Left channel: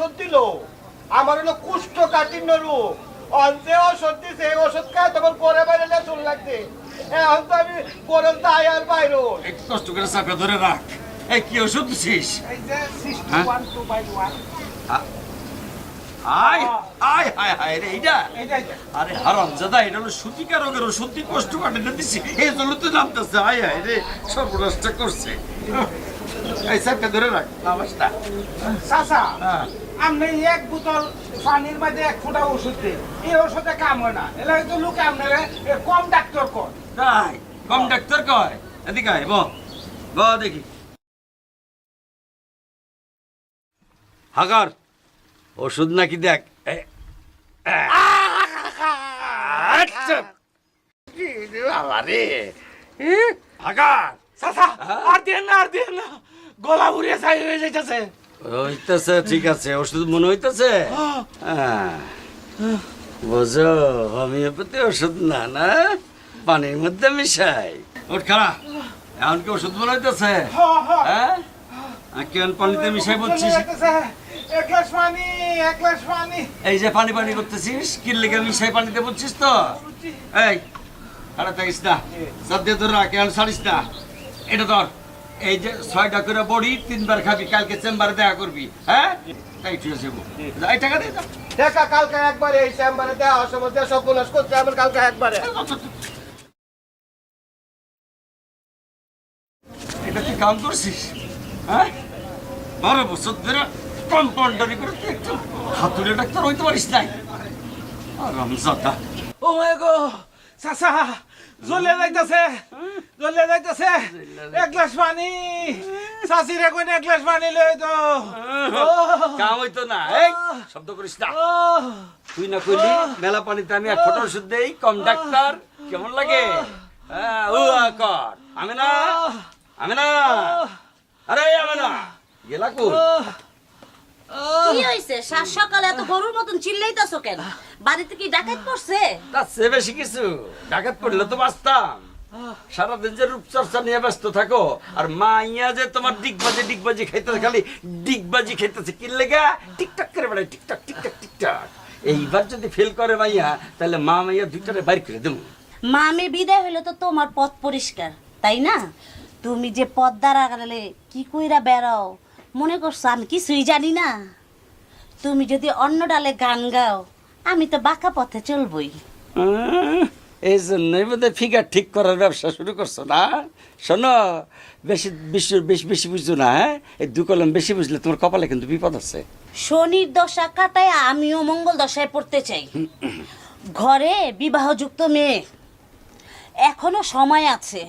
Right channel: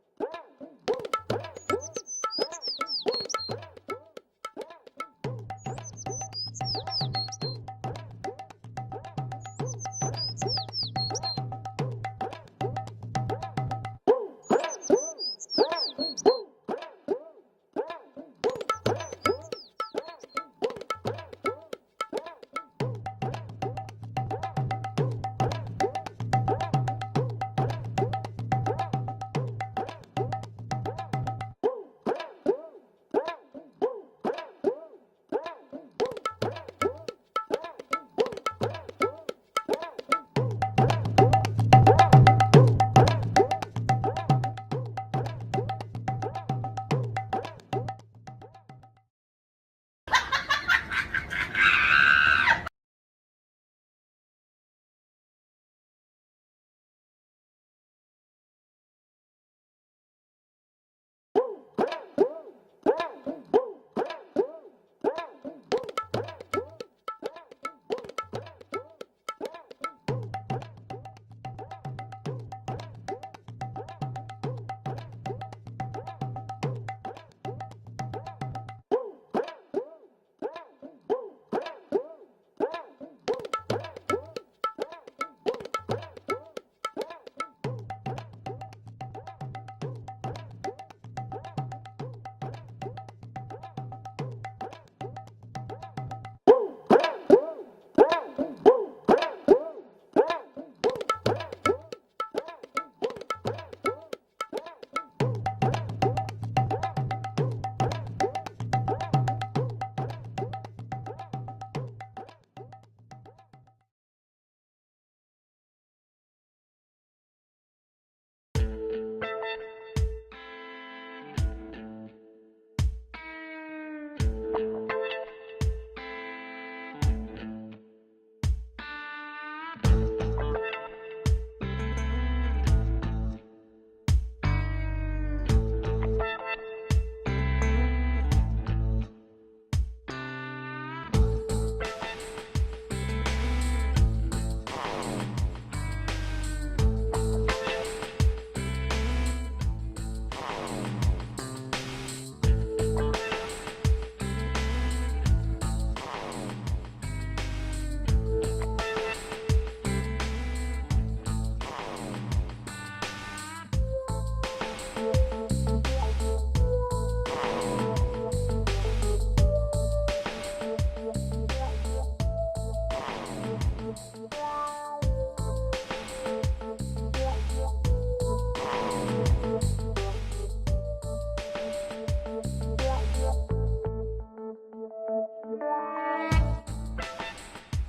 ওষুধ দিল। আমার হলো কুষ্ঠ কাঠিন্য রোগ। অন্তে ওষুধ দিছে এই ওষুধ খায় তখন পরে বাইরে না চুল লাগছে। এখন তো আমি গরম তাই আর বাইর একটু কষ্ট করে চাপে ধরে রাখ। এই কি ওষুধ দিছিস? হ্যাঁ? আয় আয় হায় হায় রে এইটা। আরে হারাম জাদা এটা হলো সুতিকা রোগের তুই কষ্ট কাটে দিছি এই জন্য তো নামতেছে আয় হায় রে সর্বনাশটা করছে। এই চাপে ধরে রাখ। নামাজটা চাচা হ্যাঁ। আপনি এক বোতল পানির মধ্যে এক ফোঁটা ওষুধ এই ওষুধে কাম হয় না। এলা তো লোকে আপনারা এ কম ডাক্তার কর তাই? কম ডাক্তার কয়? এদিকে আয় ব ব দেখি। আগার ওষুধ নাকি দেখ। আচ্ছা। আগার চাচা আর দেন না আর দেন না। গলা উড়িয়ে ছাই হয়ে যাইতেছে। হইতেছে ঠিক আছে ওষুধ মনে হইতেছে। বুঝো হোমিওপ্যাথি ওষুধ না না? পানির মধ্যে মিশাই। ওর খারাপ এখন কি ওষুধ মনে হইতেছে? হ্যাঁ? কেন পানিতে মিশাই বলছিস? এই যে পানি পানি করতেছিস কি লেগে মিশাই পানিতে বলছিস তো? এই আরে দেখিস না। তোর রাখ এখন ছাড়িস না। এটা ধর এই যে ছয়টা করে বড়ি তিনবার খাবি কালকে চেম্বারে দেখা করবি হ্যাঁ? তাই ঠিক আছে যা, টাকা দে দেখা কালকে একবারে এই চেম্বারে সব পুলিশ করছে আমার কালকে একবারে। এটা তুই কাম করছিস? হ্যাঁ? বারো বছর ধরে কম্পাউন্ডারি করে তুই একটু হাতুড়ে ডাক্তার হইতে পারিস নাই। রমজাদা ও মাই গো জ্বলে যাইতেছে জ্বলে যাইতেছে। এক গ্লাস পানি। চাচিরে কই এক গ্লাস পানি লই তো। কাম হইতো না এই শব্দ করিস না। তুই না কইলি মেলা পানিতে আমি এক ফটো ওষুধ দেই কন্ডাক্টর কেমন লাগে? হ্যাঁ, কর। আমি না আমি না আরে আমি না গেলা কো কি হইছে? সাত সকালে এত গরুর মতন চিল্লাইতাছো কেন? বাড়িতে কি ডাকাত পড়ছে? বেশি কিছু। ডাকাত পড়লে তো বাঁচতাম। সারাদিন যে রূপচর্চা নিয়ে ব্যস্ত থাকো। আর মা ইয়া যে তোমার ডিগবাজি ডিগবাজি খাইতেছে, খালি ডিগবাজি খাইতেছে। কি লেগা টিকটাক করে বেড়ায়, টিকটাক টিকটাক টিকটাক। এইবার যদি ফেল করে মাইয়া, তাহলে মা মাইয়া দুটারে বাইর করে দেবো। মামে বিদায় হইলে তো তোমার পথ পরিষ্কার, তাই না? তুমি যে পথ দ্বারা গেলে কি কইরা বেড়াও? মনে করছ আমি কিছুই জানি না? তুমি যদি অন্য ডালে গান গাও, আমি তো বাঁকা পথে চলবই। এই জন্যই বোধহয় ফিগার ঠিক করার ব্যবসা শুরু করছ না? শোনো বেশি বেশি বেশি বেশি বুঝছ না হ্যাঁ? এই দু কলম বেশি বুঝলে তোমার কপালে কিন্তু বিপদ আছে। শনির দশা কাটায় আমিও মঙ্গল দশায় পড়তে চাই। ঘরে বিবাহযুক্ত মেয়ে। এখনও সময় আছে।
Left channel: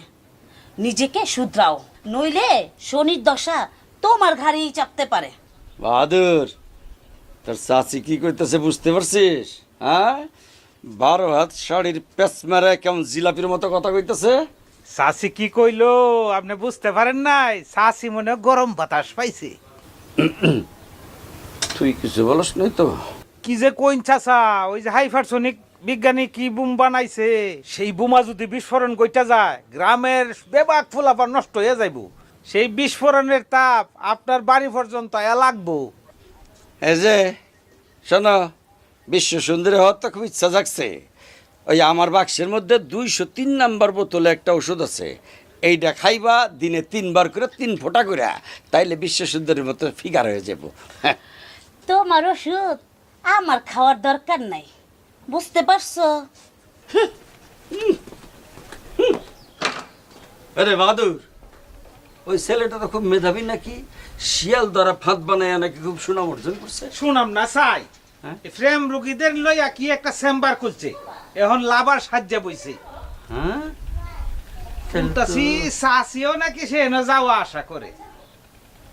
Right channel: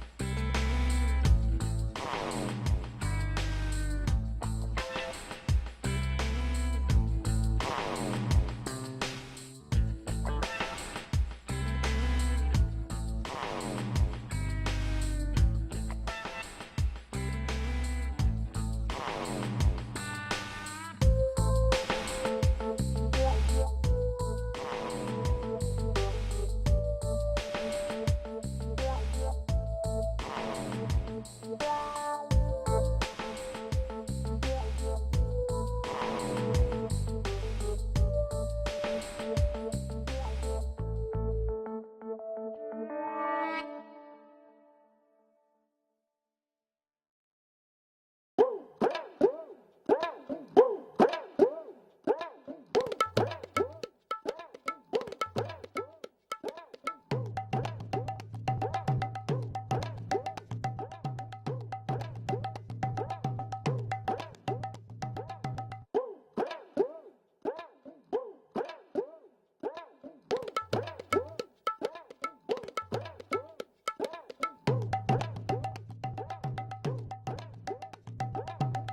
নিজেকে শুধরাও নইলে শনির দশা তোমার ঘাড়েই চাপতে পারে। বাহাদুর তোর চাচি কি করতেছে বুঝতে পারছিস? হ্যাঁ? বারো হাত শাড়ির পেস মারে কেমন জিলাপির মতো কথা কইতেছে? সাসি কি কইলো? আপনি বুঝতে পারেন নাই? সাসি মনে গরম বাতাস পাইছে। তুই কিছু বলস নাই তো। কি যে কইন চাচা ওই যে হাইপারসনিক বিজ্ঞানী কি বুম বানাইছে? সেই বোমা যদি বিস্ফোরণ কইটা যায় গ্রামের বেবাক ফুলাবার নষ্ট হয়ে যাইব। সেই বিস্ফোরণের তাপ আপনার বাড়ি পর্যন্ত এ লাগবো। এই যে শোনো বিশ্ব সুন্দরী হওয়ার তো খুব ইচ্ছা জাগছে। ওই আমার বাক্সের মধ্যে দুইশো তিন নাম্বার বোতলে একটা ওষুধ আছে। এইটা খাইবা দিনে তিনবার করে তিন ফোঁটা করে তাইলে বিশ্ব সুন্দরীর মতো ফিগার হয়ে যাব। হ্যাঁ। তোমার ওষুধ আমার খাওয়ার দরকার নাই। বুঝতে পারছ? আরে বাহাদুর ওই ছেলেটা তো খুব মেধাবী নাকি? শিয়াল দ্বারা ফাঁদ বানায় নাকি খুব সুনাম অর্জন করছে? সুনাম না চাই? প্রেম রুগীদের লইয়া কি একটা চেম্বার খুলছে? এখন লাভার সাহায্যে বইছে। হ্যাঁ? শুনতাছি চাচিও নাকি সে এনে যাওয়া আশা করে।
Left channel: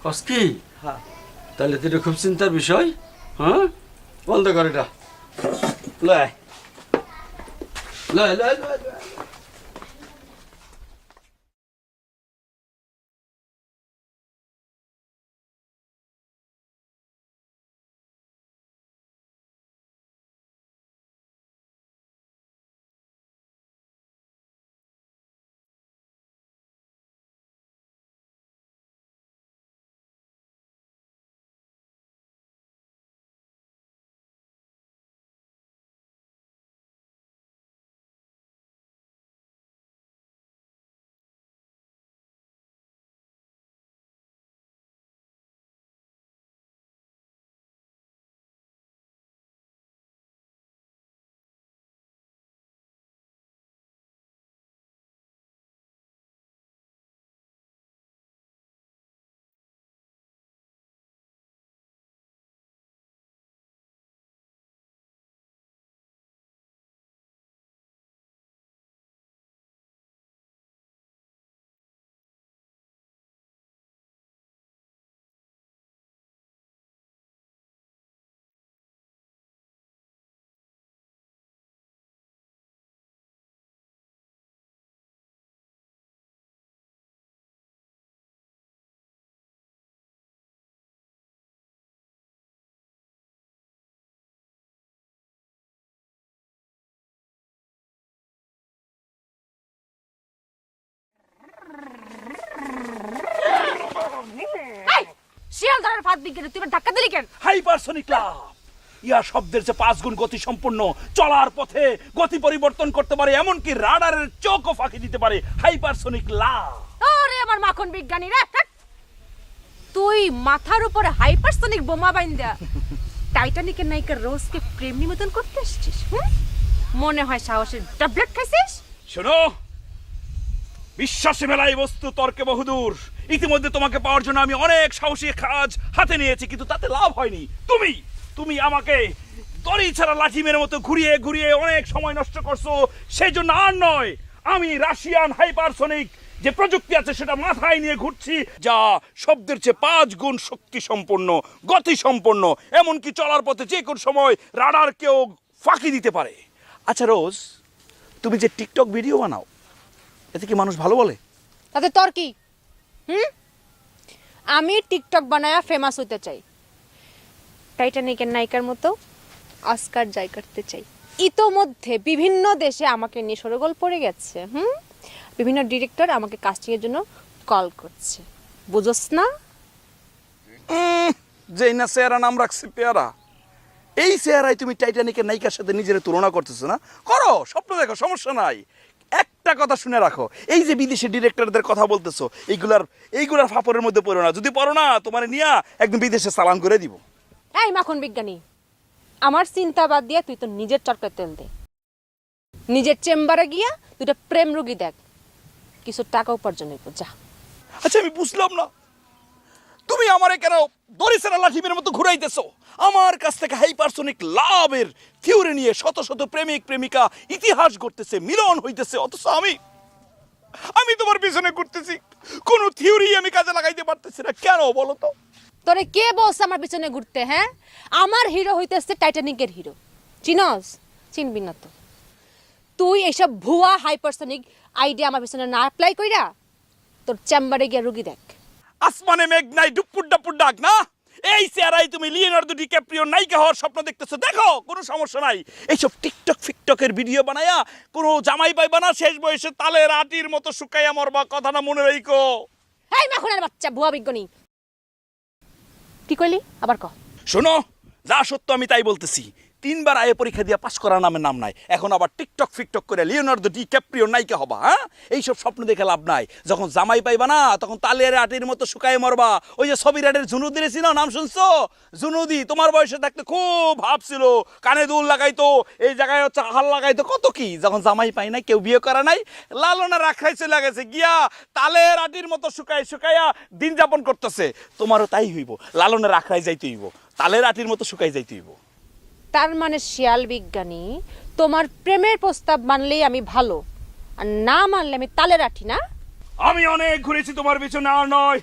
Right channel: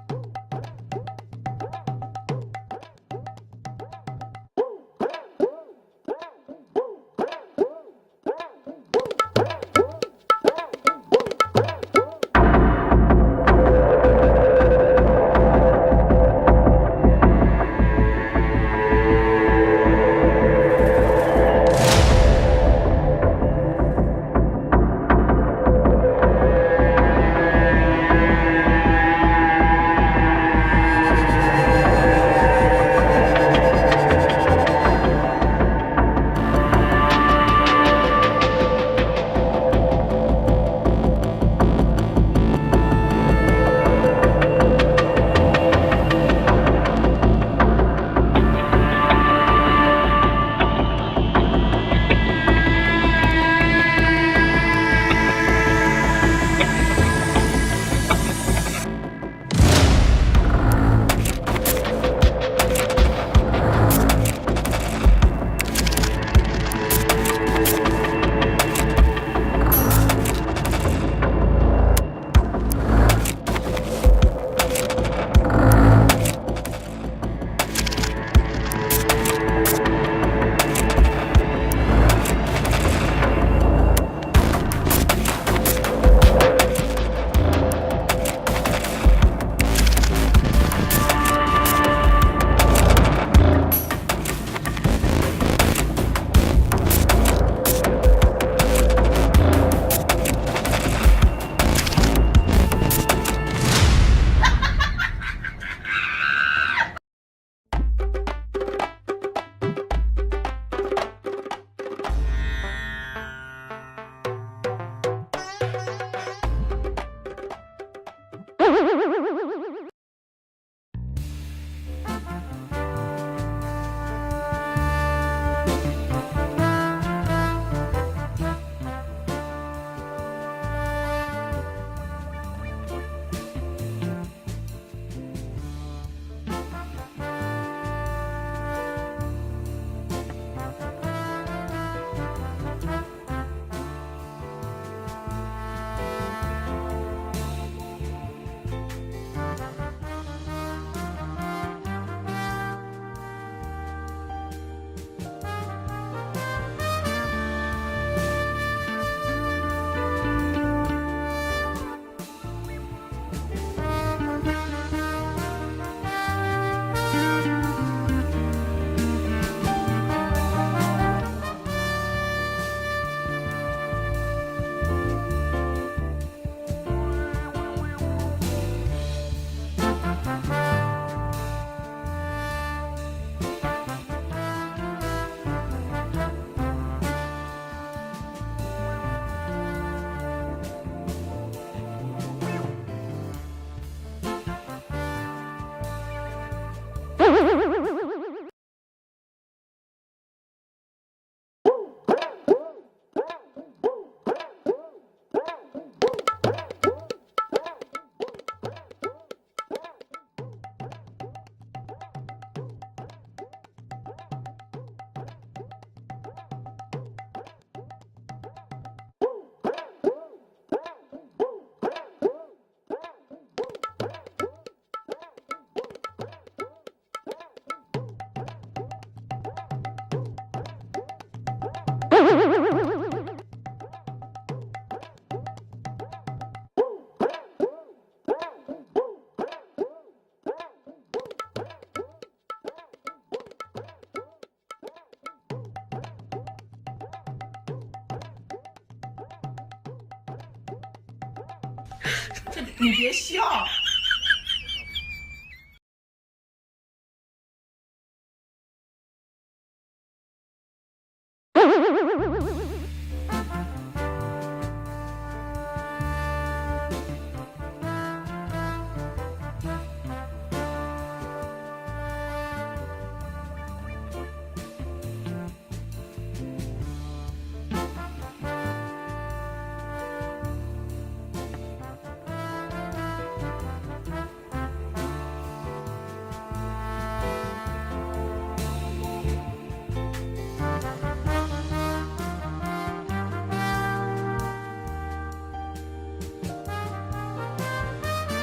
কসকি তাহলে তো খুব চিন্তার বিষয় হ্যাঁ? বন্ধ করে এটা। লয় লয় লয় লয়। পাঁচ গুণ গতি সম্পূর্ণ চলার পথে গতি পরিবর্তন করতে পারে এমনকি রাডারের চোখও ফাঁকি দিতে পারে হাইপারসোনিক লাভ আমার মাখন বিজ্ঞানী তুই মাথার উপরে হাইপারসোনিক বোমা বাইন্দা টাইটানিকের নায়িকা রোজকে প্রেম নিবেদন করতে আসছিস হ্যাঁ? মনে হয় সাহসের ট্যাবলেট খাইছিস? শোনো বিশ্বাসে মেলাই বস্তু তর্কে বহুদূর। ইতিমধ্যে তোমাকে পাওয়ার জন্য আমি অনেক সাহসী কাজ হাতে নিয়েছি কিন্তু তাতে লাভ হয়নি। তুমি তুমি আমাকে তরি ছাড়া লাঠি মেরে মতো ঘুরিয়ে ঘুরিয়ে অনেক সময় নষ্ট করছ সেই জন্য আর নয় আমি রাশিয়ান হাইপারসোনিক যে প্রযুক্তি আছে সেটা মাথায় নিয়ে ঘুরছি যা শব্দের চেয়ে পাঁচ গুণ শক্তি সম্পন্ন গতি সম্পন্ন এমনকি চলার পথে যে কোন সময় রাডার কেউ ফাঁকি দিতে পারে। আচ্ছা রোজ তুমি যে টিকটক ভিডিও বানাও এতে কি মানুষ ভালো বলে? তাতে তোর কি? হুম? আমি টিকটক বানায়া ফেমাস হতে চাই। টাইটানিকের নায়িকার মতো। অস্কার জয় করতে চাই। ইতোমধ্যে বিভিন্ন দেশে আমাকে নিয়ে সরগোল পড়ে গেছে হুম? বিভিন্ন ডিরেক্টর আমাকে কাস্টিং এর জন্য কল করছে। বুঝোস না? যেই না চেহারা নাম রাখছে পেয়ারা। এই চেহারায় তুমি টাইটানিকের নায়িকার সাথে নিজের তুলনা করতেছো না? করো স্বপ্ন দেখো সমস্যা নাই। একটা কথা শুনে রাখো এই যে বিদেশি ডিরেক্টরদের কথা বলতেছো এইগুলার এইগুলার ফাপড়ের মধ্যে পড়ো না। যদি পড়ো না তোমার নিয়া একদম বিদেশে চালান করে দিব। এই মাখন বিজ্ঞানী। আমার চিন্তা বাদ দিয়ে তুই তো নিজের চরকায় তেল দে। নিজের চেম্বারে গিয়া দুটা প্রেম রোগী দেখ। কিছু টাকা উপার্জন আচ্ছা আমি বুঝলাম না। তুমি আমারে কেন দরিসেরা লাঠিমের মতো ঘুরাইতেছো? আমার কাছ থেকে হাইপারসোনিক লাভের থিওরি নিয়ে শত শত প্রেমিক প্রেমিকা ইতিহাস করতেছে মিলন হইতেছে। অথচ আমি আমি তোমার পিছনে ঘুরতেছি। কোন থিওরি আমি কাজে লাগাইতে পারতেছি না। কেন বলো তো? তোরে কে বলছে আমার পিছনে ঘুরতে হ্যাঁ? আমার হিরো হইতেছে টাইটানিকের হিরো চিনস? চিনবি না তো তুই এসব ভুয়া হাইপারসনিক আইডিয়া আমার পিছনে না অ্যাপ্লাই কইরা তোর চেম্বারে গিয়ে রুগী দেখ। আসমানে মেঘ নাই ডুপুর ডাপুর ডাক না? এই চেহারাই তুমি লিওনার্দো ডিক্যাপ্রিও নায়িকা হওয়ার স্বপ্ন দেখতেছো। দেখো কোনো সমস্যা নাই। এইসব টিকটক ফিকটকের ভিডিও বানায়া কোনো জামাই পাইবা বানা শেষ বয়সে তালে আটির মতো শুকাইয়া মরবা কথাটা মনে রাখো এই মাখনের বাচ্চা ভুয়া বিজ্ঞানী। কি কইলি? আবার ক। শোনো যা সত্য আমি তাই বলতেছি। তিনবার আয়ে পরীক্ষা দিয়ে পাশ করার নামের নাম নাই। এখন আবার টিকটক ফিকটক করে লিওনার্দো ডি ক্যাপ্রিও নায়িকা হবা হ্যাঁ? এইসব স্বপ্ন দেখে লাভ নাই। যখন জামাই পাইবা না, তখন তালের আটির মতো শুকায় মরবা। ওই যে সবিরাটের ঝুনুদি ছিল, নাম শুনছো? জুনুদি তোমার বয়সে থাকতে খুব ভাব ছিল। কানে দুল লাগাইতো, এই জায়গায় হচ্ছে হাল লাগাইতো। কত কি? যখন জামাই পাই নাই, কেউ বিয়ে করা নাই, লালনা রাখাই চলে গেছে। গিয়া তালের আটির মতো শুকাই শুকাইয়া দিন যাপন করতেছে। তোমারও তাই হইব, লালনে রাখাই যাইতে হইব। তালের আটির মতো শুকাই যাইতে হইব। তার মানে শিয়াল বিজ্ঞানী তোমার প্রেমের প্রস্তাব মানলেই আমি ভালো আর না মানলে আমি তালে রাখি না আমি অনেক ঘুরেছি তোমার পিছনে আর নয়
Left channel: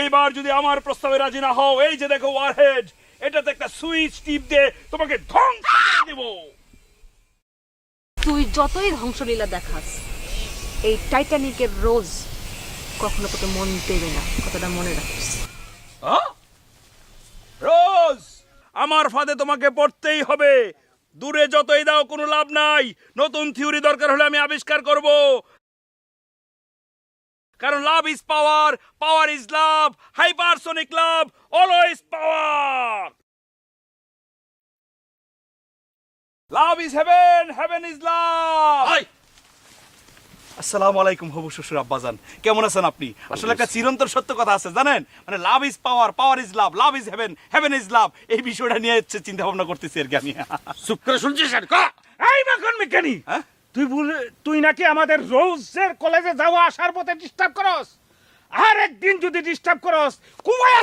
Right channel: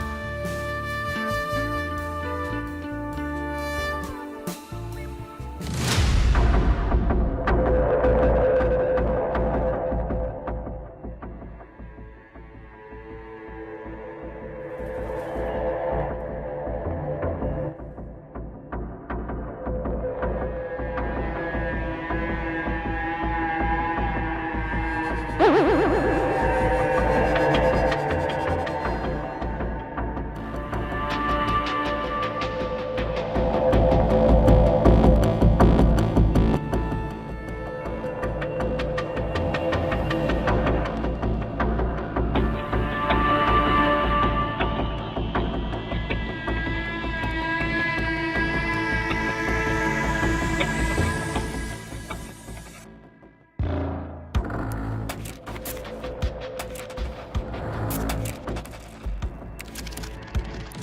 এইবার যদি আমার প্রস্তাবে রাজি না হও এই যে দেখো ওয়ারহেড এটাতে একটা সুইচ টিপ দিয়ে তোমাকে ঠং দিব। তুই যতই ধ্বংসলীলা দেখাস এই টাইটানিকের রোজ কখনো তোকে মন দেবে না কতটা মনে রাখিস হ্যাঁ? রোজ আমার ফাঁদে তোমাকে পড়তেই হবে। দূরে যতই দাও, কোনো লাভ নাই। নতুন থিওরি দরকার হলে আমি আবিষ্কার করব। কারণ love is power power is love, hypersonic love, always power. Love is heaven heaven is love. আসসালামু আলাইকুম খুব শ্বশুর আব্বাজান। কেমন আছেন আপনি? আসলে একটা চিরন্তর সত্য কথা আছে, জানেন? মানে love is power power is love love is heaven. Heaven is love এই বিষয়টা নিয়ে হচ্ছে চিন্তা ভাবনা করতেছি আর কি আমি চুপ করে শুনছিস আর? এই মাখন বিজ্ঞানী হ্যাঁ? তুই বলে তুই নাকি আমাদের রোজের কলেজে যাওয়া আসার পথে ডিস্টার্ব করস আর একদিন যদি ডিস্টার্ব করস কুমায়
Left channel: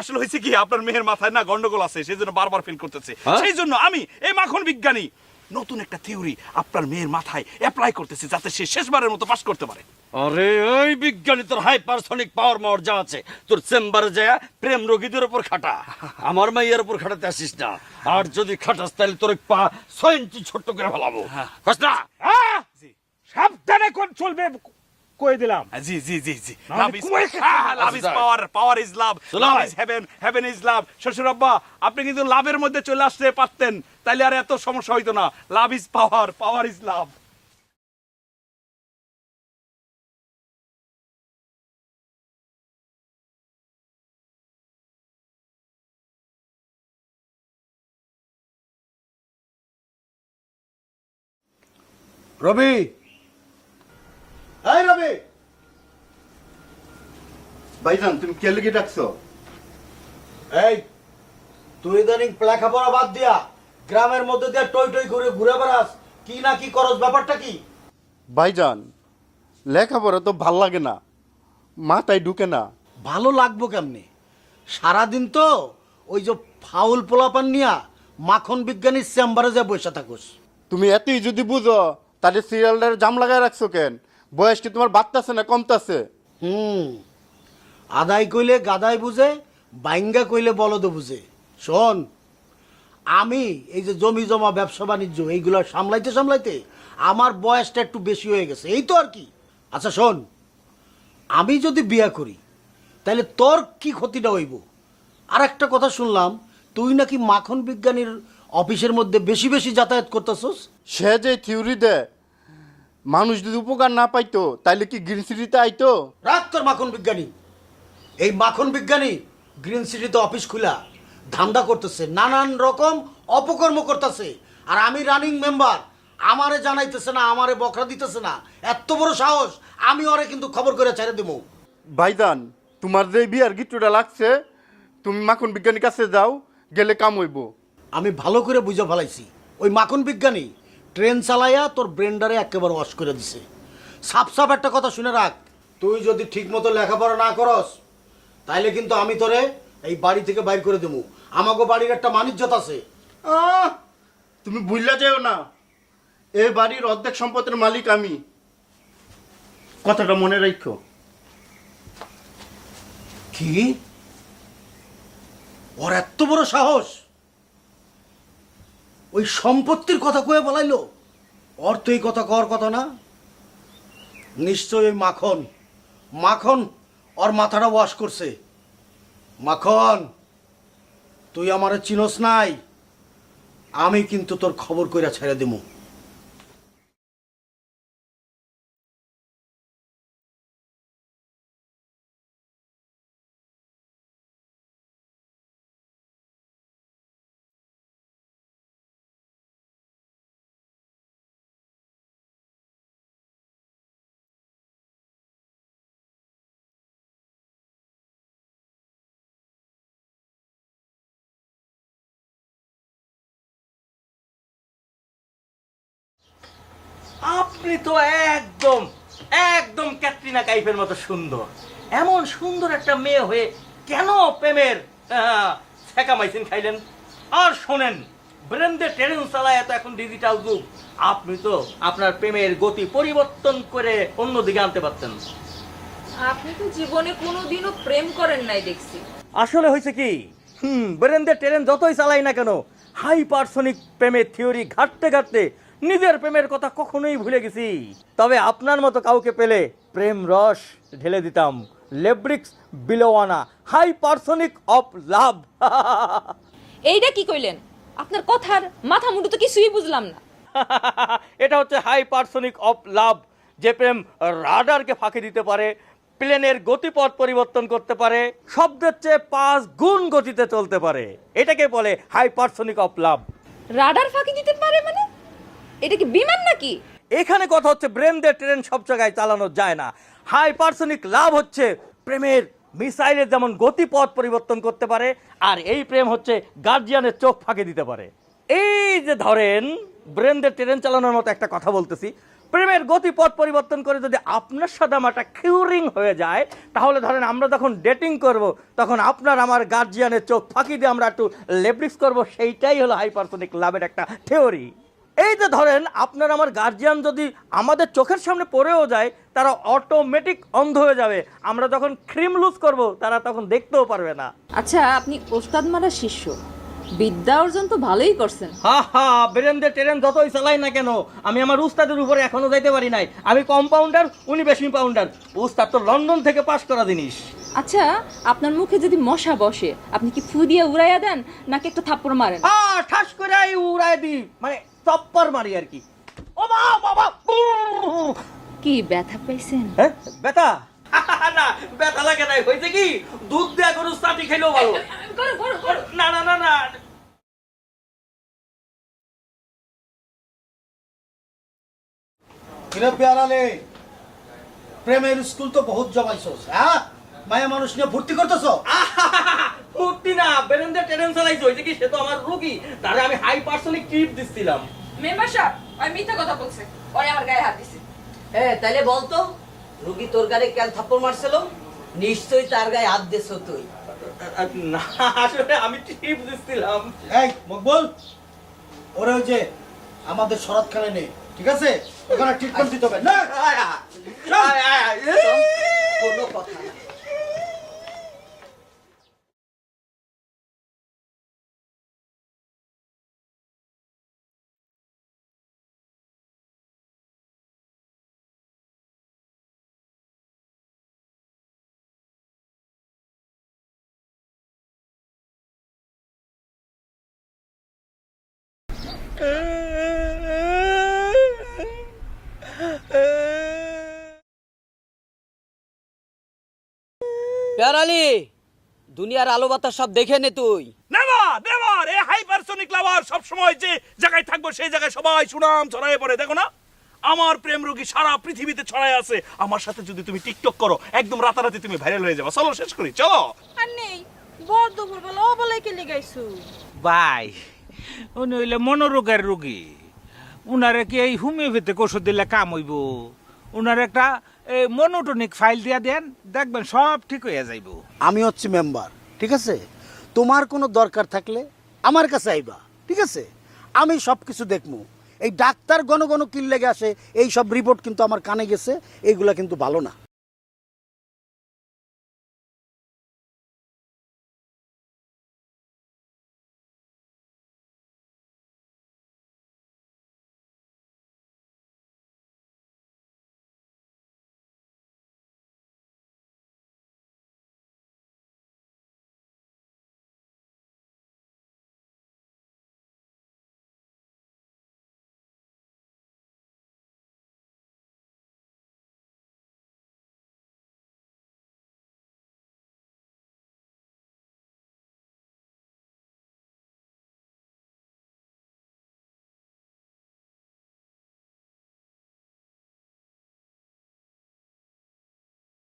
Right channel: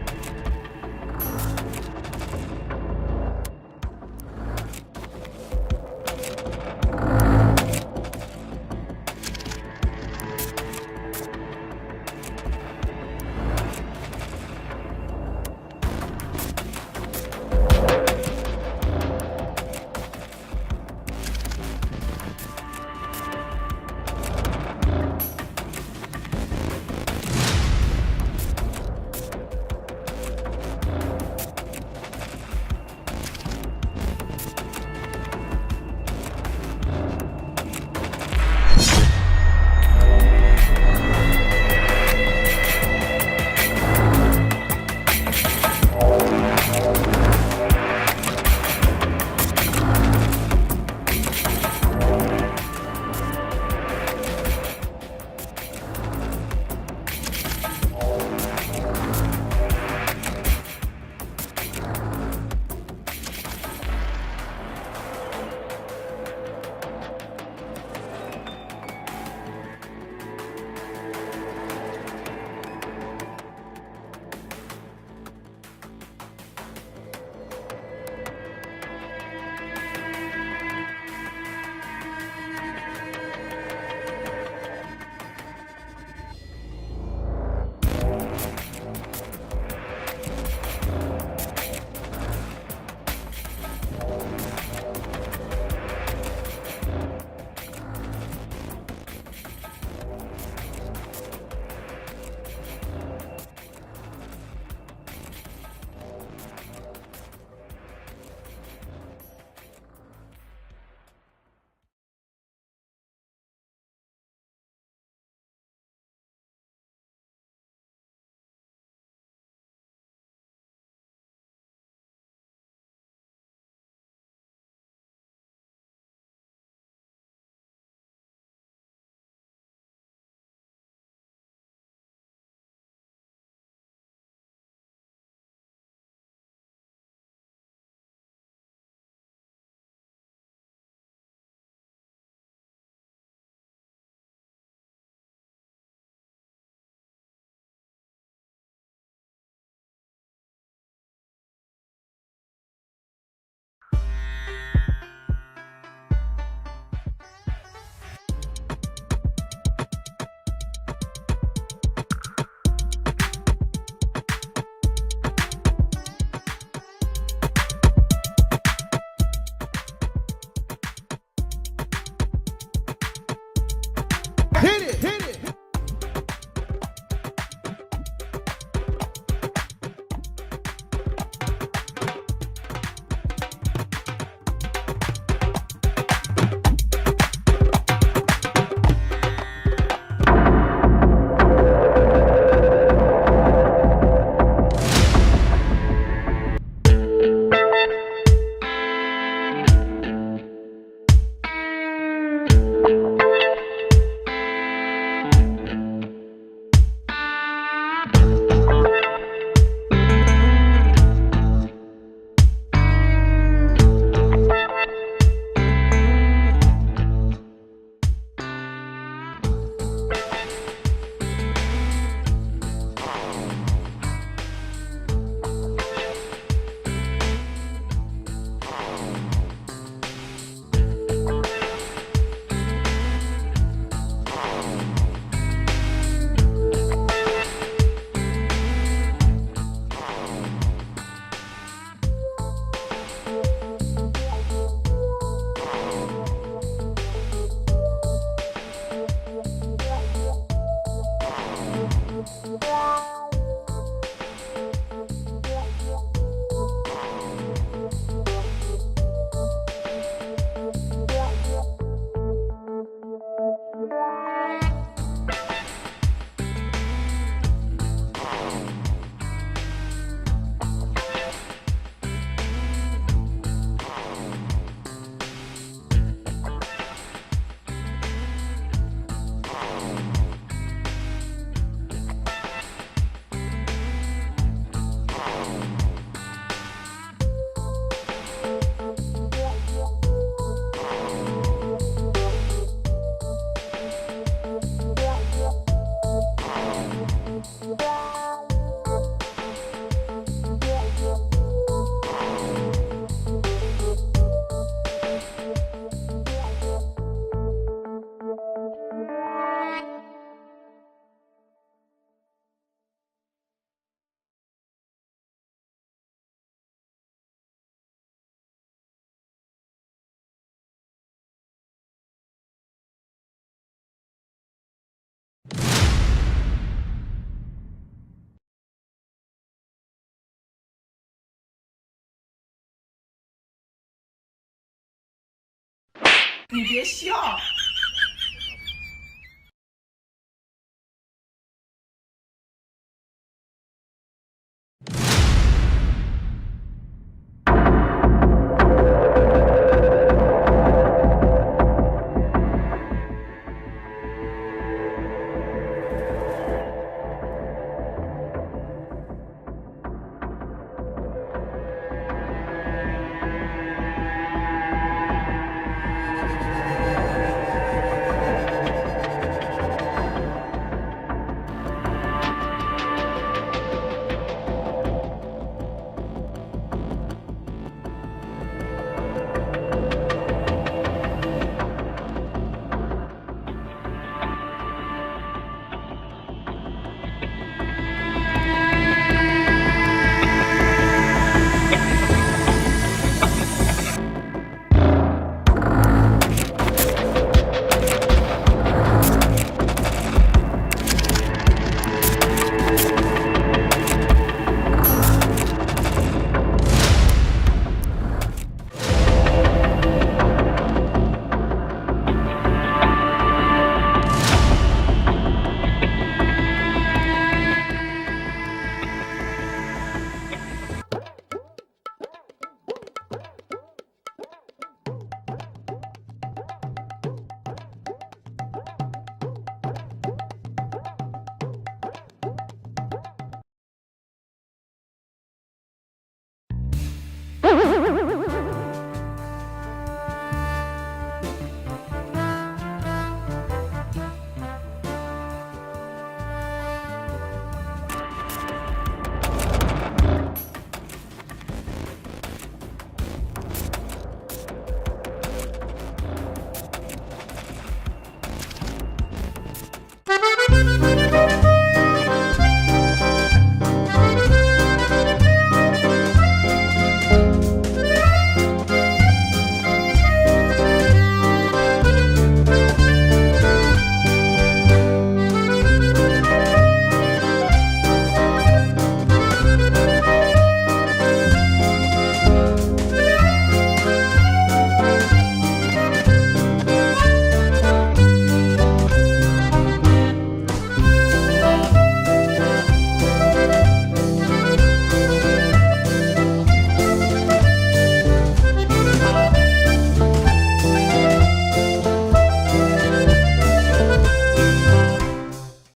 আসলে হয়েছে কি আপনার মেয়ের মাথায় না গন্ডগোল আছে সেই জন্য বারবার ফিল করতেছি হ্যাঁ? সেই জন্য আমি এই মাখন বিজ্ঞানী নতুন একটা থিওরি আপনার মেয়ের মাথায় অ্যাপ্লাই করতেছে যাতে সে শেষবারের মতো পাস করতে পারে। আরে ওই বিজ্ঞানী তোর হাইপারসনিক পাওয়ার মাওয়ার যা আছে তোর চেম্বারে যায় প্রেম রোগীদের উপর খাটা। আমার মাইয়ের উপর খাটাতে আসিস না। আর যদি খাটাস তাহলে তোর পা ছয় ইঞ্চি ছোট্ট করে ফেলাবো। বাস না। চলবে কই দিলাম? জি জি জি জি। Love is love is power power is love love is heaven heaven is love শ্বশুর আব্বা আপনি কিন্তু লাভের মধ্যে চলে আসতে পারতেন। তাইলে আর এত সমস্যা হইতো না। লাভ ইজ পাওয়ার পাওয়ার ইজ লাভ ভাইজান তুমি কে লিখে ডাকছো এই তুই ইদানিং লেখাপড়া বাদ দিয়া গ্রামের মধ্যে দিয়ে টই টই করে ঘুরে বেড়াস কি না কি করস ব্যাপারটা কি? ভাইজান লেখাপড়া তো ভালো লাগে না মাথায় ঢুকে না। ভালো লাগবো কেমনি? সারাদিন তো ওই যে ফাউল পোলাপান নিয়া মাখন বিজ্ঞানীর চেম্বারে যে বসে থাকিস। তুমি এতই যদি বুঝো তাহলে সিরিয়ালটার জাম লাগায় রাখছো কেন? বয়স কি তোমার বাড়তাছে না কমতাছে? হুম আদায় কইলে গাদাই বুঝে বাইঙ্গা কইলে বলদ বুঝে। শোন আমি এই যে জমি জমা ব্যবসা বাণিজ্য এইগুলো সামলাইতে সামলাইতে আমার বয়সটা একটু বেশি হয়ে গেছে। এই তো আর কি। আচ্ছা শোন আমি যদি বিয়ে করি তাহলে তোর কি ক্ষতিটা হইব? আর একটা কথা শুনলাম তুই নাকি মাখন বিজ্ঞানীর অফিসের মধ্যে বেশি বেশি যাতায়াত করতেছস? সে যে থিওরি দেয় মানুষ যদি উপকার না পাইতো তাইলে কি গ্রিন সিটিতে আইতো? রাখ তোর মাখন বিজ্ঞানী। এই মাখন বিজ্ঞানী গ্রিন সিটিতে অফিস খুলা ধান্দা করতেছে নানান রকম অপকর্ম করতেছে। আর আমি রানিং মেম্বার আমারে জানাইতেছে না আমারে বকরা দিতেছে না। এত বড় সাহস আমি ওরে কিন্তু খবর করে ছেড়ে দেবো ভাইজান তোমার যে বিয়ার গিট্টুটা লাগছে তুমি মাখন বিজ্ঞানীর কাছে যাও গেলে কাম হইব। আমি ভালো করে বুঝে ফেলাইছি। ওই মাখন বিজ্ঞানী ট্রেন চালাইয়া তোর ব্রেন্ডারে একেবারে ওয়াশ করে দিছে। সাপ সাপ একটা কথা শুনে রাখ তুই যদি ঠিক মতো লেখাপড়া না করস তাইলে কিন্তু আমি তোরে এই বাড়ি থেকে বাইর করে দেবো। আমাকে বাড়ির একটা মানিজ্যত আছে। আহ, তুমি ভুললা যাও না। এই বাড়ির অর্ধেক সম্পদের মালিক আমি। কথাটা মনে রাখো কি? ওর এত বড় সাহস? ওই সম্পত্তির কথা কয়ে বলাইলো? ওর তো এই কথা কর কথা না। নিশ্চয়ই মাখন। মাখন ওর মাথাটা ওয়াশ করছে। মাখন, তুই আমারে চিনস নাই, আমি কিন্তু তোর খবর কইরা ছেড়ে দিব কাইফের মতো সুন্দর। এমন সুন্দর একটা মেয়ে হয়ে কেন প্রেমের ঠেকা মাইছেন খাইলেন? আর শোনেন ট্রেন চালায় এত এখন ডিজিটাল যুগ। আপনি তো আপনার প্রেমের গতি পরিবর্তন করে অন্যদিকে আনতে পারছেন। আপনি তো জীবনে কোনোদিনও প্রেম করেন নাই দেখছি। আসলে হয়েছে কি? হুম ব্রেন্ডের ট্রেন যতই চালাই না কেন হাইপারসনিক প্রেমের থিওরি ঘাটতে ঘাটতে নিজের প্রেমের কথা কখনোই ভুলে গেছি। তবে আপনার মতো কাউকে পেলে প্রেম রস ঢেলে দিতাম। লেব্রিক্স বিলোয়ানা হাইপারসনিক অফ লাভ। এইটা কি কইলেন? আপনার কথার মাথা মুন্ডু তো কিছুই বুঝলাম না। এটা হচ্ছে হাইপারসনিক অফ লাভ যে প্রেম রাডারকে ফাঁকি দিতে পারে প্লেনের গতিপথ পরিবর্তন করতে পারে শব্দের চেয়ে পাঁচ গুণ গতিতে চলতে পারে। এটাকে বলে হাইপারসনিক অফ লাভ। রাডার ফাঁকি দিতে পারে মানে? এটা কি বিমান নাকি? এখানে কথা হচ্ছে ব্রেনদের ট্রেন সব জায়গায় চালানো যায় না। হাইপারসনিক লাভ হচ্ছে প্রেমের মিসাইলের যেমন গতিপথ পরিবর্তন করতে পারে আর এই প্রেম হচ্ছে গার্জিয়ানের চোখ ফাঁকে দিতে পারে। এই যে ধরেন ব্রেনদের ট্রেন চালানোর মতো একটা কথা বলতেছি। প্রেমের গতিপথ পরিবর্তন করে যদি আপনার সাথে আমার একটা কিউরিং হয়ে যায়, তাহলে ধরেন আমরা যখন ডেটিং করব, তখন আপনার আমার গার্জিয়ানের চোখ ফাঁকি দিয়ে আমরা একটু লেব্রিক্স করব। এইটাই হলো হাইপারসনিক লাভের একটা থিওরি এই যে ধরেন আপনার আমার গার্জিয়ান যদি আমাদের চোখের সামনে পড়েও যায়, তারা অটোমেটিক অন্ধ হয়ে যাবে। আমরা যখন ক্রিম লুজ করব, তারা তখন দেখতেও পারবে না। আচ্ছা আপনি ওস্তাদ মারা শিষ্য। বিদ্যা অর্জন তো ভালোই করছেন। হা হা বেরেন্দ্র ট্রেন যতই চালাই না কেন আমি আমার উস্তাদের উপরে এখনও যাইতে পারি নাই। আমি কম্পাউন্ডার উনি বেশি পাউন্ডার উস্তাদ তো লন্ডন থেকে পাস করা জিনিস। আচ্ছা আপনার মুখে যদি মশা বসে আপনি কি ফু দিয়ে উড়াইয়া দেন নাকি একটা থাপ্পড় মারেন? আ ঠাস করে আই উড়াই দি মানে চপ্পর মারি আর কি। ও বাবা, বাবা, কি ব্যথা পাইছেন হ্যাঁ ব্যথা? না ব্যথা লাগে নাই হয়েছে কি? দুধ দেয়া গরু চাটি খেলেও ভালো। না না না না। কিরে প্রেমের স্কুল তো বহুত জমাইছো। হ্যাঁ? মায়া মানুষ নিয়ে ভর্তি করতেছো? ভর্তি না বেরেন্দা ট্রেন চালাইছো। এটা কি সে তো আমার রোগী। তাহলে আমি হাই পার্সোনিক ট্রিট দিচ্ছিলাম। মেম্বার সাহেব আমি মিথ্যা কথা বলছি। ওই আমার গায়ে হাত দিছে। এ তাইলে বলতো রুগী তোর গায়ে কেন থাপ্পড় মারছিল নিশ্চয়ই তার গায়ে হাত দিয়েছিল তুই না আসলে আমি ঠিক বুঝছিলাম এই মকবুল ওরে ওই যে আমাদের শরৎ খেলে নেই ঠিক আছে ওখানে ট্রিটমেন্ট দিতে হবে না কোনো দেখে নে তুই। নেভার নেভার এই হাইপারসোনিক লাভার সব সময় যে জায়গায় থাকব সেই জায়গায় সবাই সুনাম ছড়ায় পড়ে। দেখো না আমার প্রেম রোগী সারা পৃথিবীতে ছড়ায় আছে। আমার সাথে যদি তুমি টিকটক করো একদম রাতারাতি তুমি ভাইরাল হয়ে যাবে। চলো শেষ করি চলো। আর নেই বড় দুপুর বেলা ও বলে কে লিগাইছু ভাই উনি হইলে মনোরোগের রোগী। উনারে কি এই হোমিওপ্যাথিক ওষুধ দিলে কাম হইব? উনার একটা এই মনোটনিক ফাইল দিয়া দেন দেখবেন সব ঠিক হইয়া যাইব। আমি হচ্ছি মেম্বার ঠিক আছে? তোমার কোনো দরকার থাকলে আমার কাছে আইবা, ঠিক আছে? আমি সব কিছু দেখব। এই ডাক্তার গণ গণ কিনলে আসে এই সব রিপোর্ট কিন্তু আমার কানে গেছে, এইগুলা কিন্তু ভালো না।